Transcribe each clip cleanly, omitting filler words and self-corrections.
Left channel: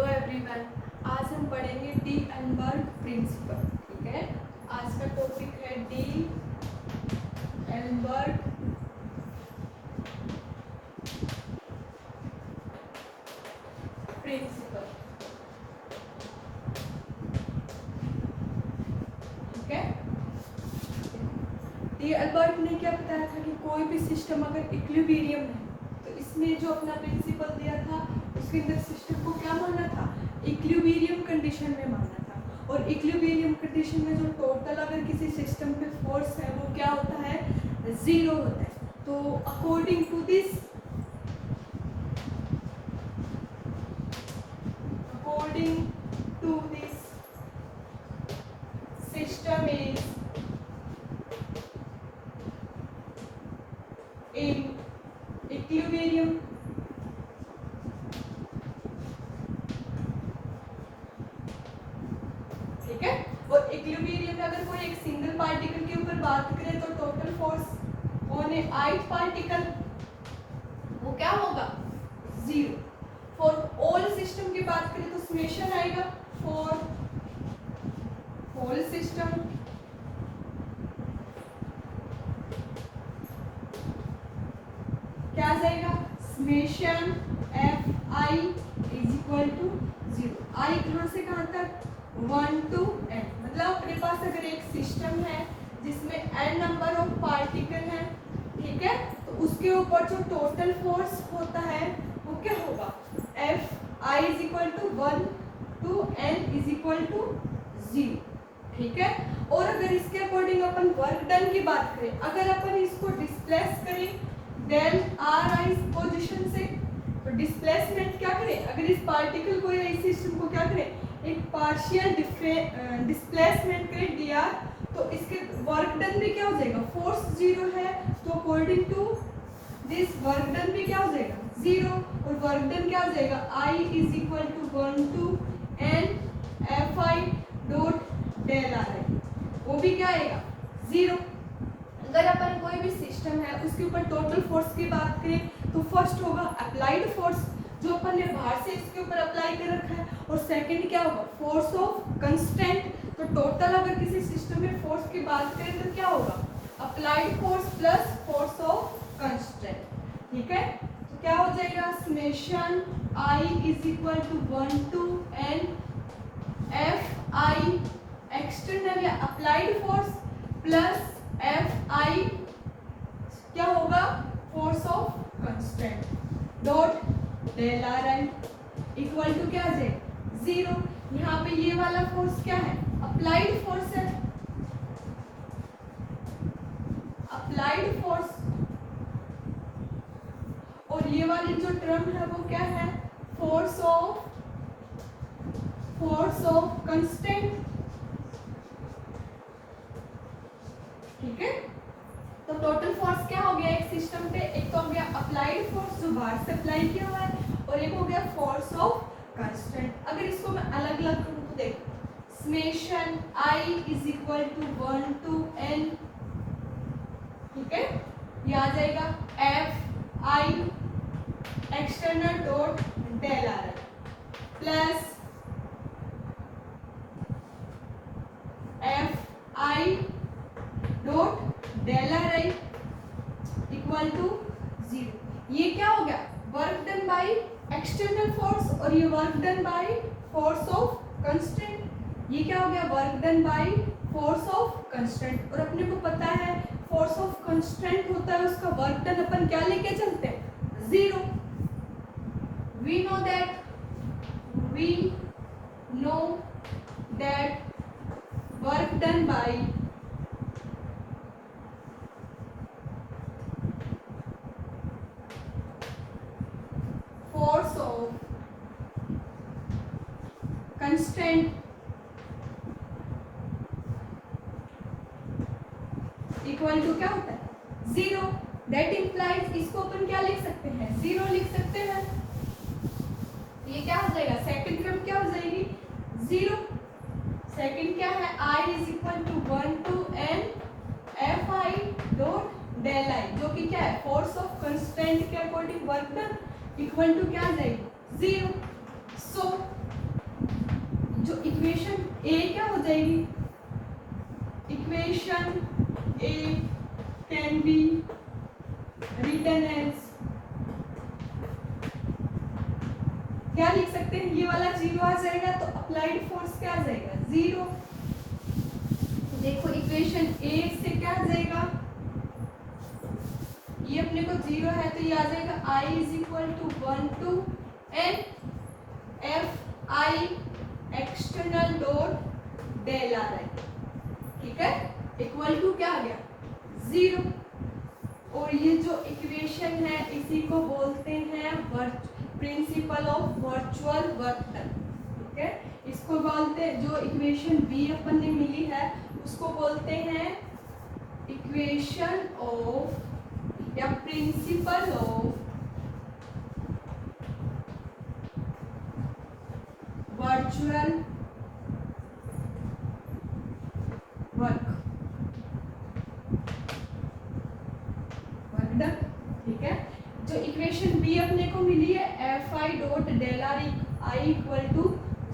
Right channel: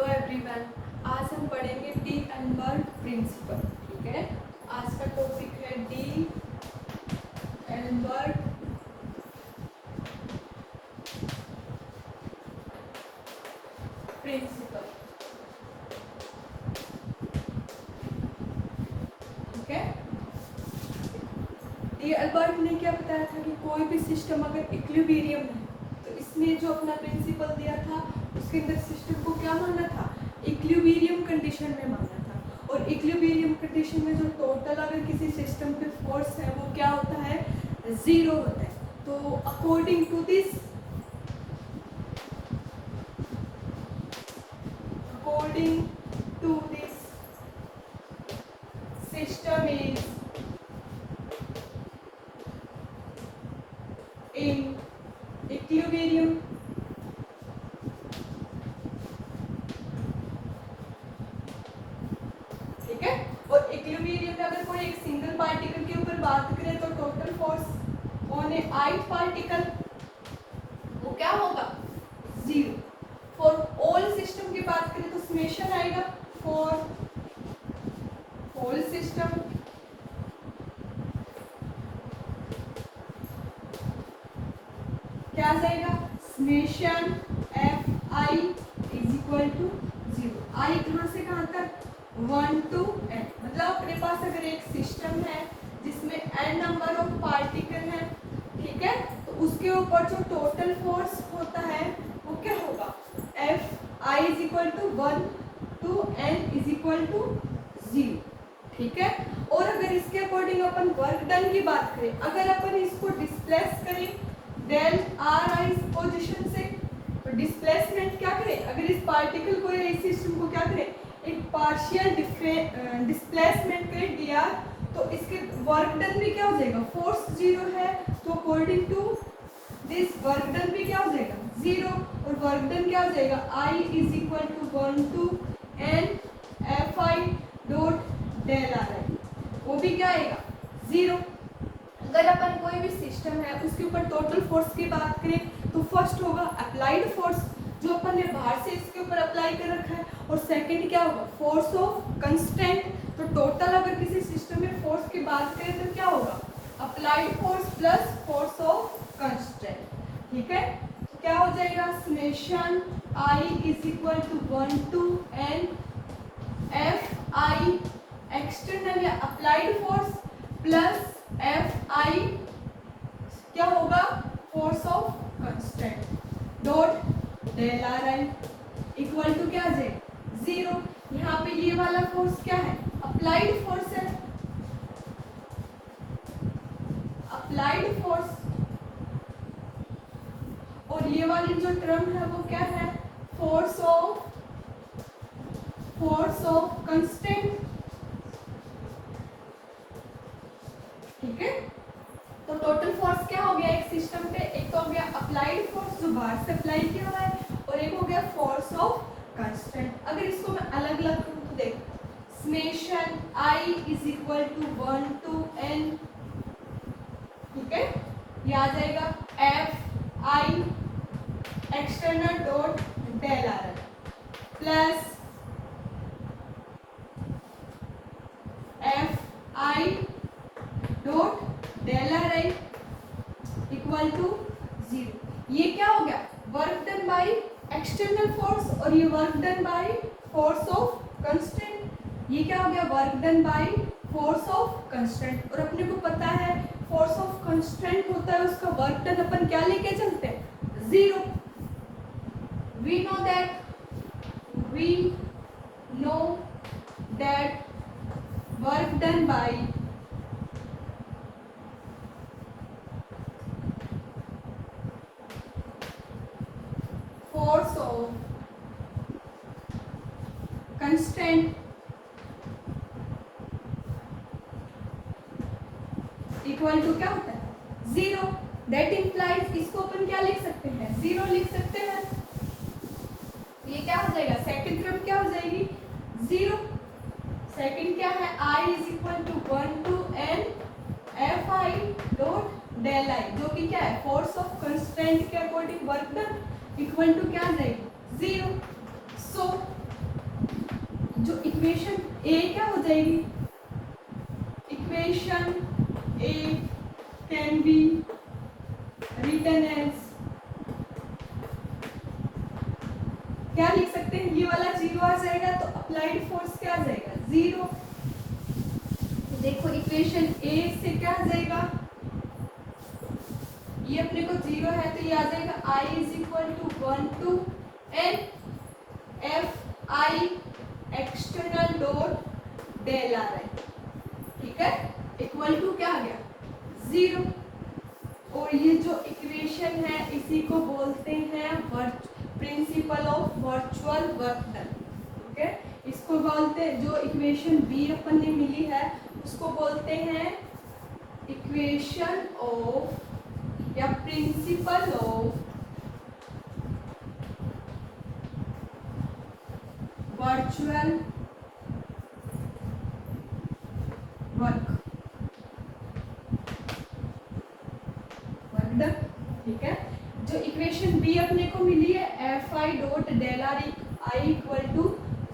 Hello everyone, आज हम पढ़ेंगे डी एल्बर्ट प्रिंसिपल। ठीक है, आज का टॉपिक है डी एल्बर्ट प्रिंसिपल। ठीक है, डी एल्बर्ट ने क्या बताया था कि कोई भी सिस्टम अगर इक्विलिब्रियम है तो इसमें जो अपना प्रिंसिपल दिया था उसके अंदर सिस्टम को क्या मानना था, इक्विलिब्रियम कंडीशन में मानना था। और इक्विलिब्रियम कंडीशन में जो टोटल अगर किसी सिस्टम पे फोर्स है वो क्या होता है, जीरो होता है। तो according to this system is in equilibrium. ठीक है, और इक्विलिब्रियम में अगर कोई एक सिंगल पार्टिकल के ऊपर बात करें तो total force on A ith particle वो क्या होगा, जीरो। फॉर ऑल सिस्टम की बात करें तो समेशन आएगा फॉर ऑल सिस्टम क्या जाएगा, summation F I is equal to zero. I कहाँ से कहाँ तक, 1 to n। मतलब अपने पास अगर एक सिस्टम है जिसमें n नंबर ऑफ पार्टिकल है, ठीक है, तो उसके ऊपर जो टोटल फोर्स होता है वो क्या होगा, F I is equal to 1 to n is equal to 0। ठीक है, और अगर इसके अकॉर्डिंग अपन वर्क डन की बात करें, अगर अपन इसको डिस्प्लेस करें डेल आर आई पोजीशन से, तो डिस्प्लेसमेंट क्या करें, अगर इस पार्टिकल को या इस सिस्टम को क्या करें, एक पार्शियल डिस्प्लेसमेंट करें डी आर, तो इसके वर्क डन भी क्या हो जाएगा, फोर्स जीरो है तो according to this work done भी क्या हो जाएगा, जीरो। और वर्क डन क्या हो जाएगा, I is equal to 1 to n F I dot del R I, वो भी क्या आएगा, जीरो। अगर अपन कोई भी सिस्टम है उसके ऊपर टोटल फोर्स की बात करें तो फर्स्ट होगा अप्लाइड फोर्स, जो अपन ने बाहर से इसके ऊपर अप्लाई कर रखा है, और सेकंड क्या होगा, फोर्स ऑफ कंस्टेंट। तो टोटल अगर किसी सिस्टम में फोर्स की बात करें तो क्या होगा, applied force plus force of constant. ठीक है, तो क्या हो जाएगा, summation I is equal to 1 to n F I external या applied force plus F I क्या होगा, force of constant dot del R I equal to क्या है, जीरो। यहाँ पे ये वाला फोर्स क्या है, अप्लाइड फोर्स है, अप्लाइड फोर्स। और ये वाली जो टर्म है वो क्या है, फोर्स ऑफ कंस्टेंट। ठीक है, तो टोटल फोर्स क्या हो गया एक सिस्टम पे, एक तो हो गया अप्लाइड फोर्स जो बाहर से अप्लाई किया हुआ है, और एक हो गया फोर्स ऑफ कंस्टेंट। अगर इसको मैं अलग अलग करूँ तो देखो, summation I is equal to 1 to n, ठीक है, ये आ जाएगा F I external dot del R I plus F I dot del R I equal to zero. ये क्या हो गया, work done by external force, और ये work done by force of constant. ये क्या हो गया, work done by force of constant. और अपने को पता है फोर्स ऑफ कंस्टेंट होता है उसका वर्क डन अपन क्या लेके चलते हैं, zero. We know that work done by force of constant equal to क्या होता है, जीरो। दैट इंप्लाइज, इसको अपन क्या लिख सकते हैं, जीरो लिख सकते हैं। ये क्या हो जाएगा, सेकंड टर्म क्या हो जाएगी, जीरो। सेकंड क्या है, I is equal to 1 to n F I dot del I, जो कि क्या है, फोर्स ऑफ कंस्टेंट के according work done equal to क्या आ जाएगी, जीरो। सो जो इक्वेशन ए क्या हो जाएगी, equation A can be written as, क्या लिख सकते हैं, ये वाला जीरो आ जाएगा तो अप्लाइड फोर्स क्या आ जाएगा, जीरो। देखो इक्वेशन ए से क्या आ जाएगा, ये अपने को जीरो है तो ये आ जाएगा I is equal to 1 to n F I external dot del R है, ठीक है, इक्वल टू क्या आ गया, जीरो। और ये जो इक्वेशन है इसी को बोलते हैं principal of virtual work done, ठीक है। इसको बोलते हैं, जो इक्वेशन बी अपन ने मिली है उसको बोलते हैं इक्वेशन ऑफ या principle of virtual work done, ठीक है। जो इक्वेशन बी अपने को मिली है F I dot del R I equal to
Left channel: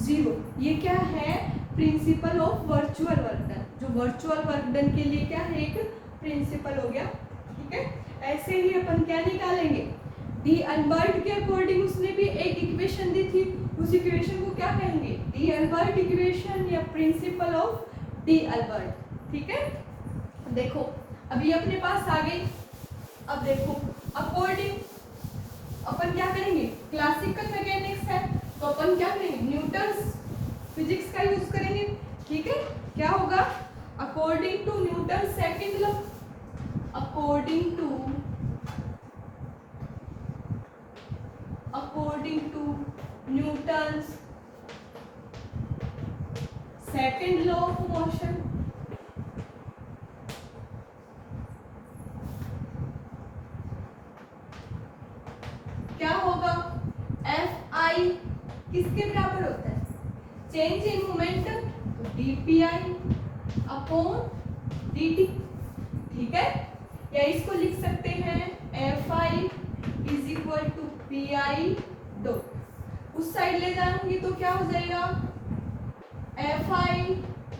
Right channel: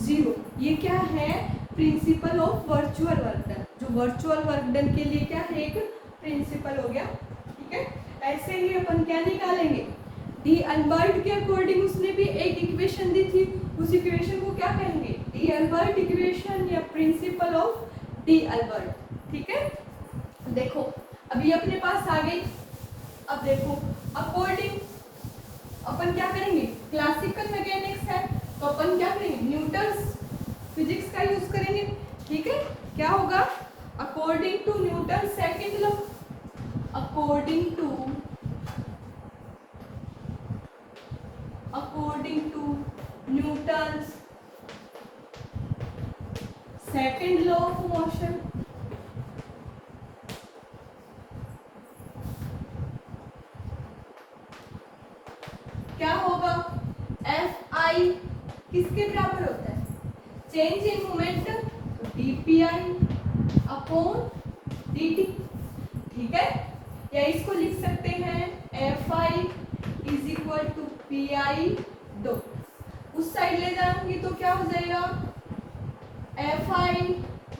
zero, ये क्या है, principle of virtual work done. जो वर्चुअल वर्क डन के लिए क्या है, एक प्रिंसिपल हो गया, ठीक है। ऐसे ही अपन क्या निकालेंगे, डी अल्बर्ट के अकॉर्डिंग उसने भी एक इक्वेशन दी थी, उस इक्वेशन को क्या कहेंगे, डी अल्बर्ट इक्वेशन या प्रिंसिपल ऑफ डी अल्बर्ट, ठीक है। देखो अभी अपने पास आ गई, अब देखो अकॉर्डिंग अपन क्या करेंगे, क्लासिकल मैकेनिक्स है तो अपन क्या करेंगे, न्यूटन्स फिजिक्स का यूज करेंगे, ठीक है। क्या होगा, according to Newton second law, according to Newton's second law of motion, क्या होगा, एफ आई किसके बराबर होता है, change in momentum DPI upon DT, ठीक है। या इसको लिख सकते हैं F I is equal to P I dot, उस साइड ले जाऊंगी तो क्या हो जाएगा, F I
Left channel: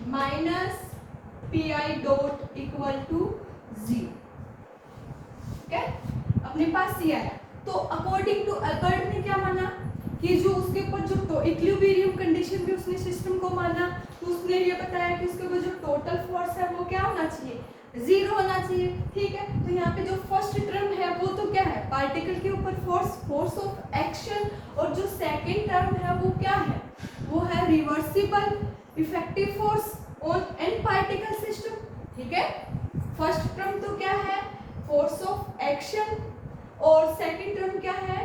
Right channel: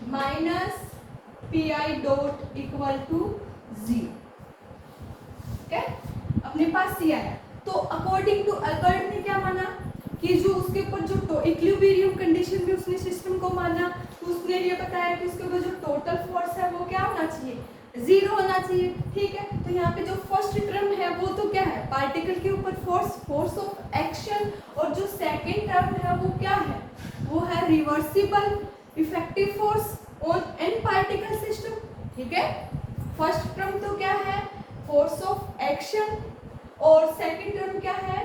minus P I dot equal to zero, ठीक है। अपने पास ये आया तो अकॉर्डिंग टू अल्बर्ट ने क्या माना कि जो उसके ऊपर जो इक्विलिब्रियम कंडीशन में उसने सिस्टम को माना, तो उसने ये बताया कि उसके ऊपर जो टोटल फोर्स है वो क्या होना चाहिए, जीरो होना चाहिए, ठीक है। तो यहाँ पे जो फर्स्ट टर्म है वो तो क्या है, पार्टिकल के ऊपर फोर्स, फोर्स ऑफ एक्शन, और जो सेकेंड टर्म है वो क्या है, वो है reversible effective force on an particle system, ठीक है। फर्स्ट टर्म तो क्या है, फोर्स ऑफ एक्शन, और सेकेंड टर्म क्या है,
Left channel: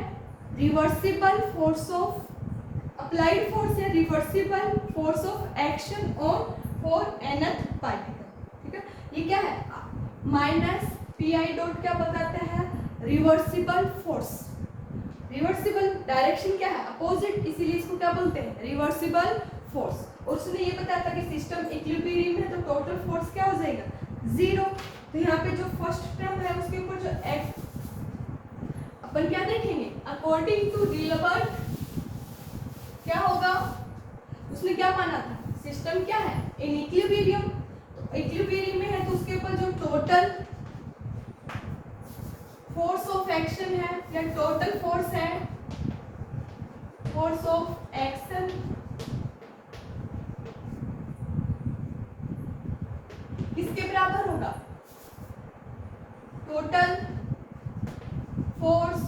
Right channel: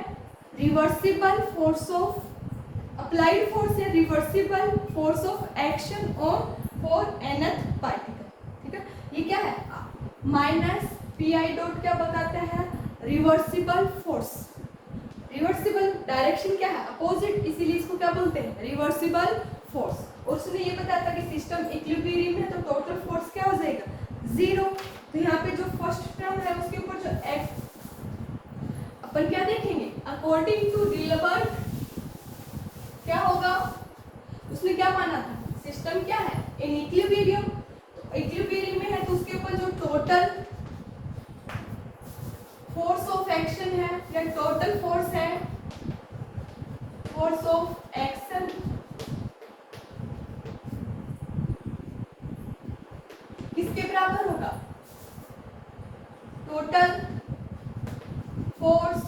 reversible force of applied force है, reversible force of action on for nth particle, ठीक है। ये क्या है, माइनस पी आई डॉट क्या बताता है, रिवर्सिबल फोर्स, रिवर्सिबल डायरेक्शन क्या है, अपोजिट, इसीलिए इसको क्या बोलते हैं, रिवर्सिबल फोर्स। और उसने ये बताया था कि सिस्टम इक्विलिब्रियम है तो टोटल फोर्स क्या हो जाएगा, जीरो। तो यहाँ पे जो फर्स्ट टर्म है उसके ऊपर जो एक्स अपन क्या देखेंगे, अकॉर्डिंग टू डी-अल्बर्ट क्या होगा, उसने क्या माना था, सिस्टम क्या है, इन इक्विलिब्रियम, तो इक्विलिब्रियम में है तो उसके ऊपर जो टोटल फोर्स ऑफ एक्शन है या टोटल फोर्स है, फोर्स ऑफ एक्शन किसके बराबर होगा, total force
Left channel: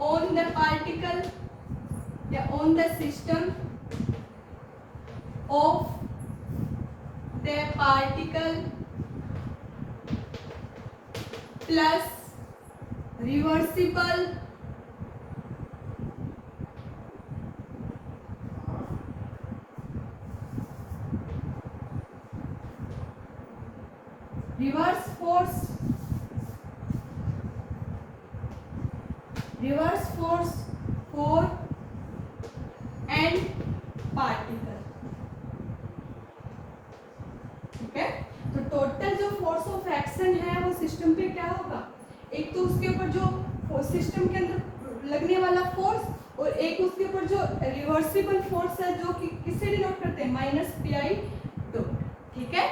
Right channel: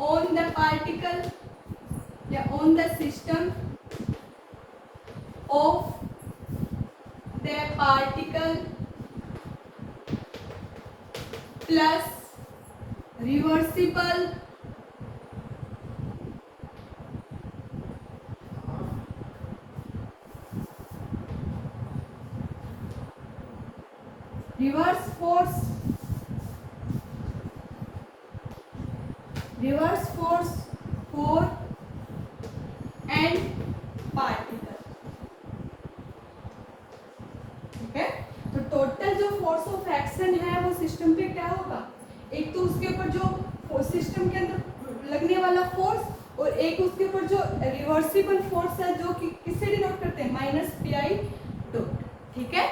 on the particle या on the system of the particle plus reversible reverse force for and particle, ठीक है। तो टोटल जो फोर्स ऑफ एक्शन है वो सिस्टम पे क्या होगा, एक तो उसके ऊपर जो सिस्टम के अंदर लगने वाला फोर्स और एक उसके ऊपर जो रिवर्सिबल फोर्स है जो कि किससे डिनोट करते हैं, माइनस पी आई डॉट। ठीक है,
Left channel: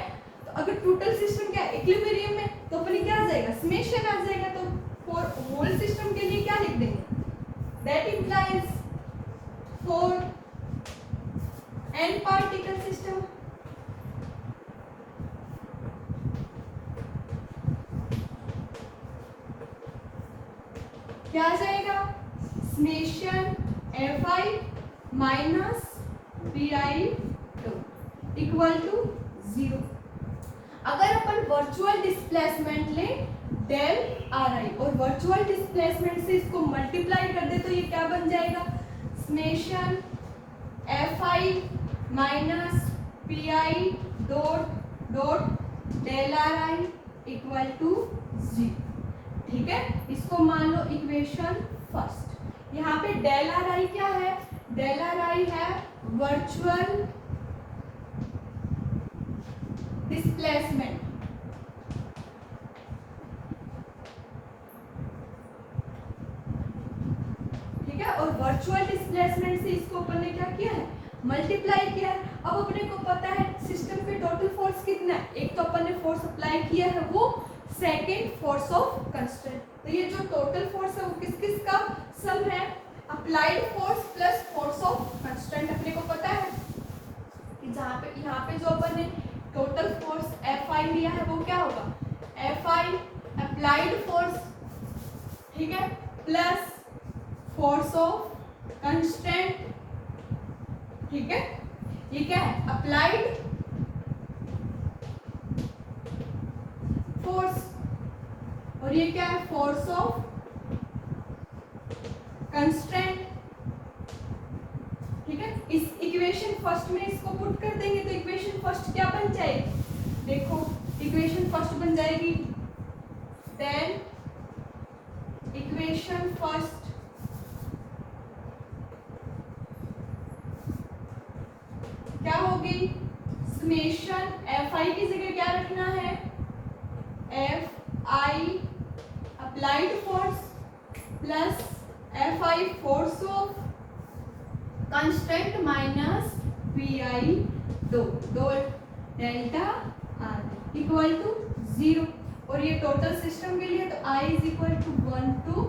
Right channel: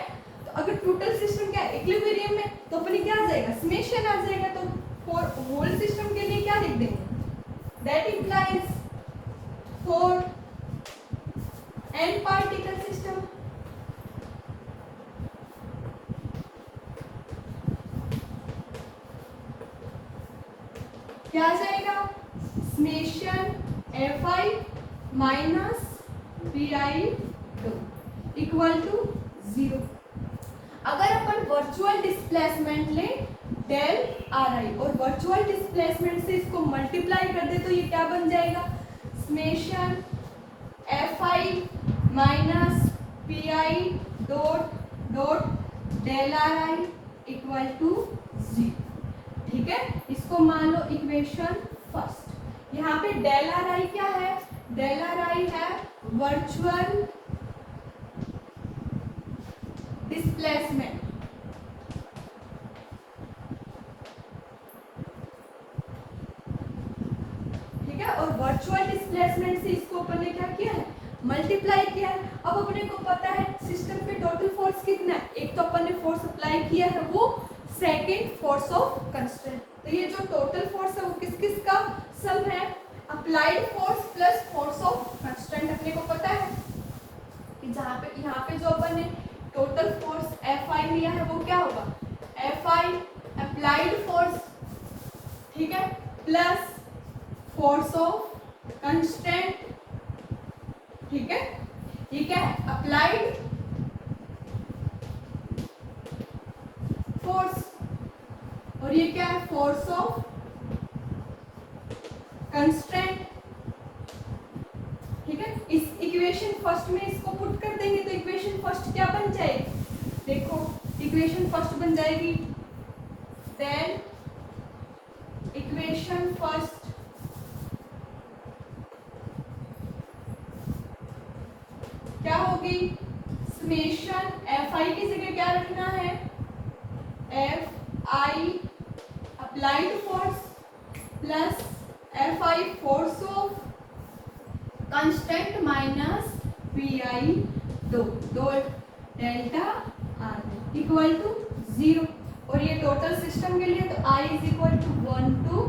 तो अगर टोटल सिस्टम क्या इक्विलिब्रियम है तो अपने क्या आ जाएगा, समेशन आ जाएगा। तो फॉर होल सिस्टम के लिए क्या लिख देंगे, that implies for n particle system क्या आ जाएगा, summation fi minus P I equal to 0। अगर अपन वर्चुअल डिस्प्लेसमेंट ले डेल आर आई और वर्चुअल डिस्प्लेसमेंट से इसको मल्टीप्लाई कर दे तो ये क्या बन जाएगा, summation fi minus P I dot dot del R I equal to 0। ठीक है, इसको मान लो इक्वेशन फर्स्ट। यहाँ पे डेल आर आई क्या है, डेल आर आई है वर्चुअल डिस्प्लेसमेंट। ठीक है, और वर्चुअल डिस्प्लेसमेंट से इसको अपन ने क्या किया है, मल्टीप्लाई किया है। अब अपने को पता है सिस्टम पे टोटल फोर्स कितना है, एक तो अपन ने फोर्स अप्लाई किया है वो सेकेंड फोर्स ऑफ कंस्ट्रेंट। तो ये जो टोटल फोर्स है वो किस किस का सम है, applied force plus force of constraint. अपने को पता है कि जहाँ पे यहाँ पे जो अपन ने टोटल फोर्स एफ आई लिया है वो क्या होगा, एफ आई अप्लाइड फोर्स, ठीक है, प्लस फोर्स ऑफ कंस्ट्रेंट। ठीक है, ये क्या है, अप्लाइड फोर्स और ये क्या है, फोर्स ऑफ कंस्ट्रेंट। ठीक है, इस इक्वेशन फर्स्ट में इसको पुट कर देंगे तो इक्वेशन फर्स्ट क्या बन जाएगी, देखो इक्वेशन फर्स्ट बन जाएगी देन इक्वेशन फर्स्ट क्या होगी, समेशन एफ आई की जगह क्या रखना है, F I applied force plus F I force of constraint minus P I dot delta R equal to 0। और ये टोटल सिस्टम के लिए तो I is equal to 1 to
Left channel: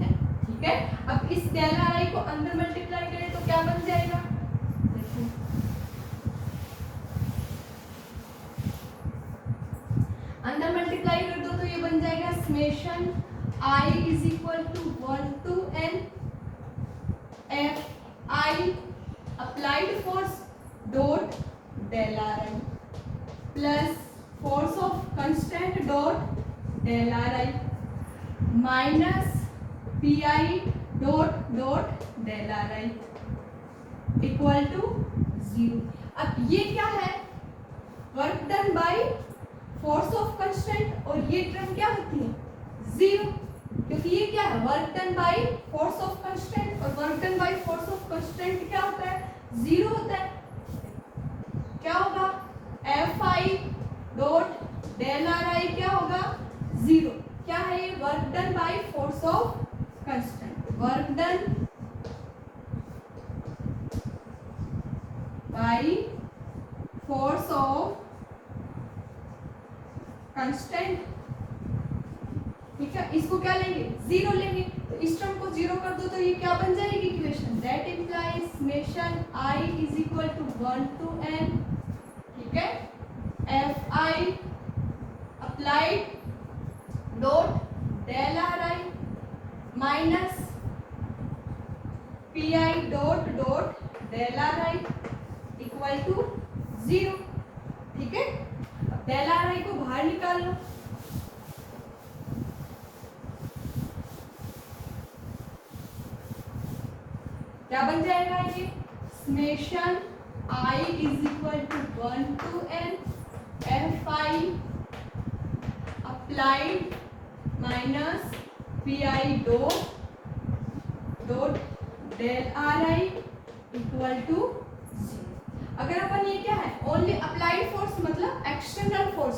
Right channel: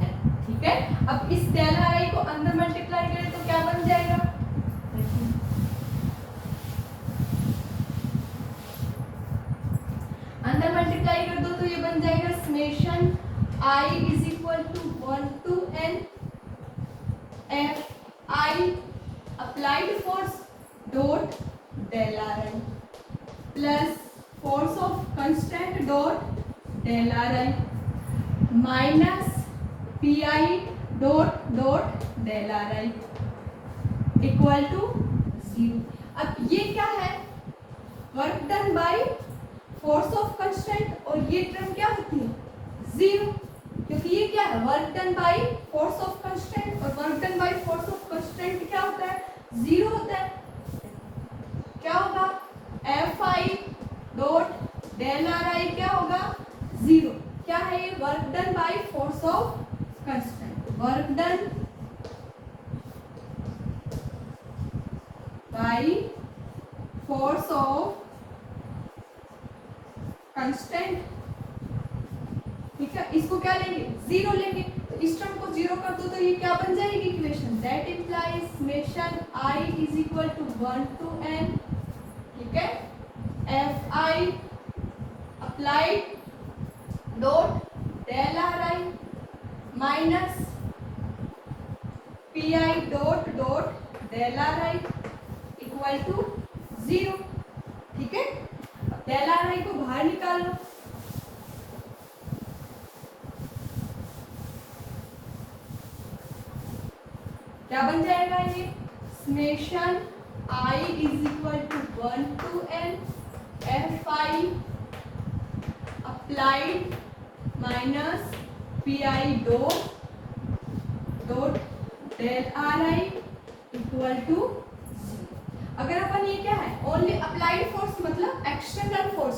n। ठीक है, अब इस डेल्टा आई को अंदर मल्टीप्लाई करें तो क्या बन जाएगा, अंदर मल्टीप्लाई कर दो तो ये बन जाएगा summation I is equal to 1 to n F I applied force dot del R I plus force of constant dot del R I minus P I dot dot del R I equal to 0। अब ये क्या है, work done by force of constant और ये term क्या होती है 0, क्योंकि ये क्या है, work done by force of constant और work done by force of constant क्या होता है, 0 होता है। क्या होगा, F I dot del R I क्या होगा 0। क्या है ये, work done by force of constant, work done by force of constant. ठीक है, इसको क्या लेंगे, 0 लेंगे, तो इस टर्म को 0 कर दो तो ये क्या बन जाएगी equation, that implies summation I is equal to 1 to n। ठीक है, F I applied dot del R I minus P I dot dot del R I equal to 0। ठीक है, डेल आर आई को बाहर निकाल लो, क्या बन जाएगा ये, summation I is equal to 1 to n F I applied minus P I dot dot del R I equal to 0। अगर अपन ये क्या है, ओनली अप्लाइड फोर्स मतलब एक्सटर्नल फोर्स,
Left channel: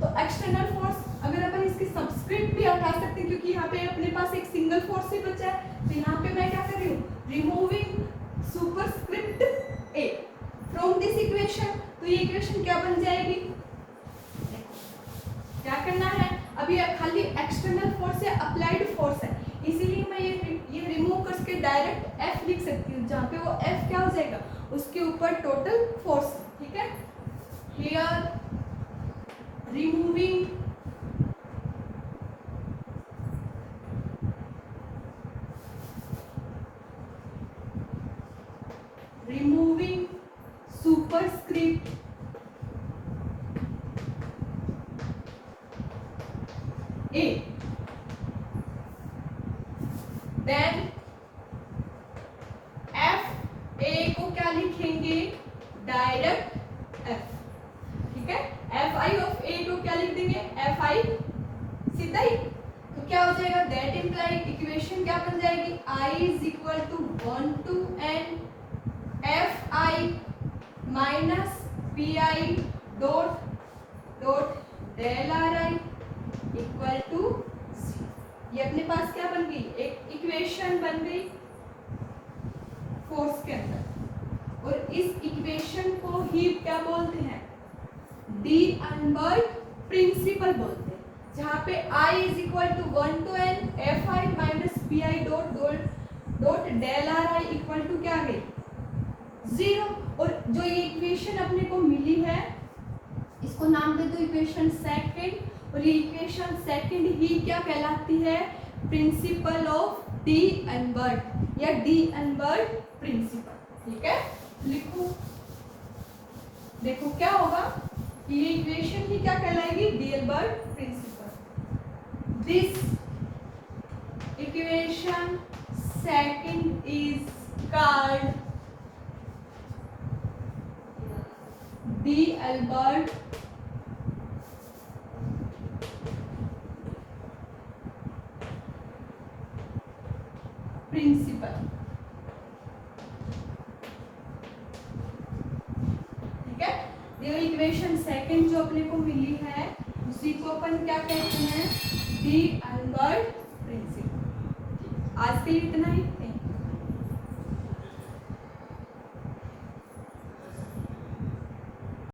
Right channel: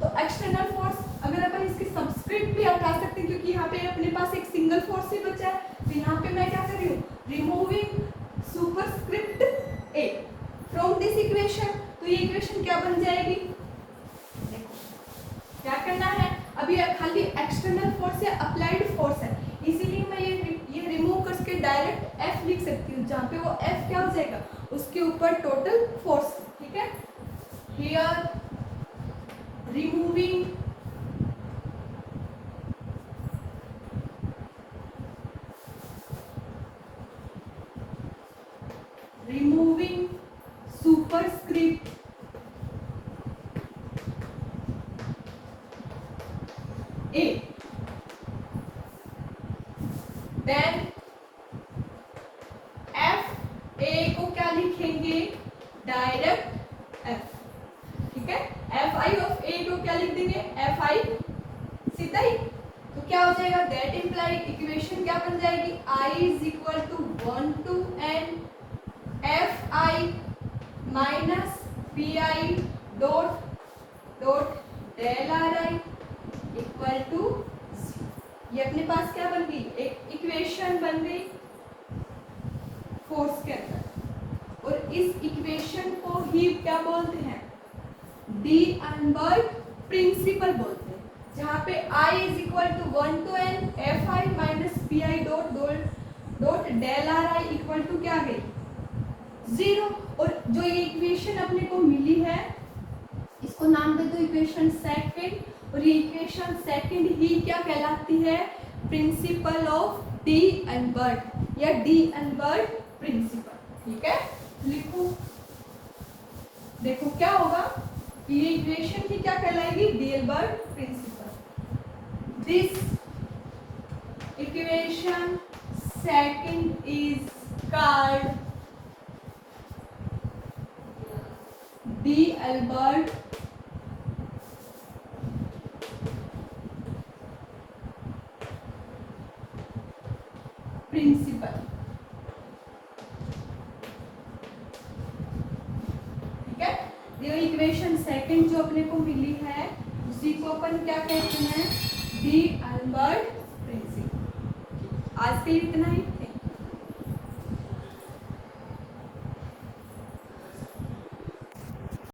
तो एक्सटर्नल फोर्स अगर अपन इसकी सब्सक्रिप्ट भी हटा सकते हैं क्योंकि यहाँ पे अपने पास एक सिंगल फोर्स ही बचा है, तो यहाँ पे मैं क्या कर रही हूँ, रिमूव बन जाएगी? क्या करना है, अभी खाली एक्सटर्नल फोर्स है, अप्लाइड फोर्स है, इसीलिए मैं ये रिमूव करके डायरेक्ट F लिख सकती हूँ, जहाँ पे वो F क्या हो जाएगा, उसके ऊपर टोटल फोर्स, ठीक है। Here removing superscript A, then F A को क्या लिखेंगे, डायरेक्ट F, ठीक है। Fi ऑफ A को क्या लिख देंगे, Fi, सीधा ही। तो क्या हो जाएगा, दैट इम्प्लाइड इक्वेशन क्या बन जाएगी, I is equal to 1 to n Fi minus Pi dot dot del Ri equal to, ये अपने पास क्या बन गई, एक इक्वेशन बन गई फोर्स के अंदर। और इस इक्वेशन को ही क्या बोलते हैं, डी अल्बर्ट प्रिंसिपल बोलते हैं, जहाँ पे I is equal to 1 to n Fi minus Pi dot dot dot del Ri equal to क्या गई, 0। और जो ये इक्वेशन अपने को मिली है, इसको नाम दे दो इक्वेशन सेकंड, और ये इक्वेशन सेकंड ही क्या कहलाती है, प्रिंसिपल ऑफ डी अल्बर्ट या डी अल्बर्ट प्रिंसिपल, ठीक है। लिखो, देखो क्या होगा, ये इक्वेशन ही क्या कहलाएगी, D'Alembert principle. This equation second is called D'Alembert principle, ठीक है। ये इक्वेशन सेकंड जो अपने को मिली है, उसी को अपन क्या कहते हैं, डी अल्बर्ट प्रिंसिपल। आज के लिए इतना ही।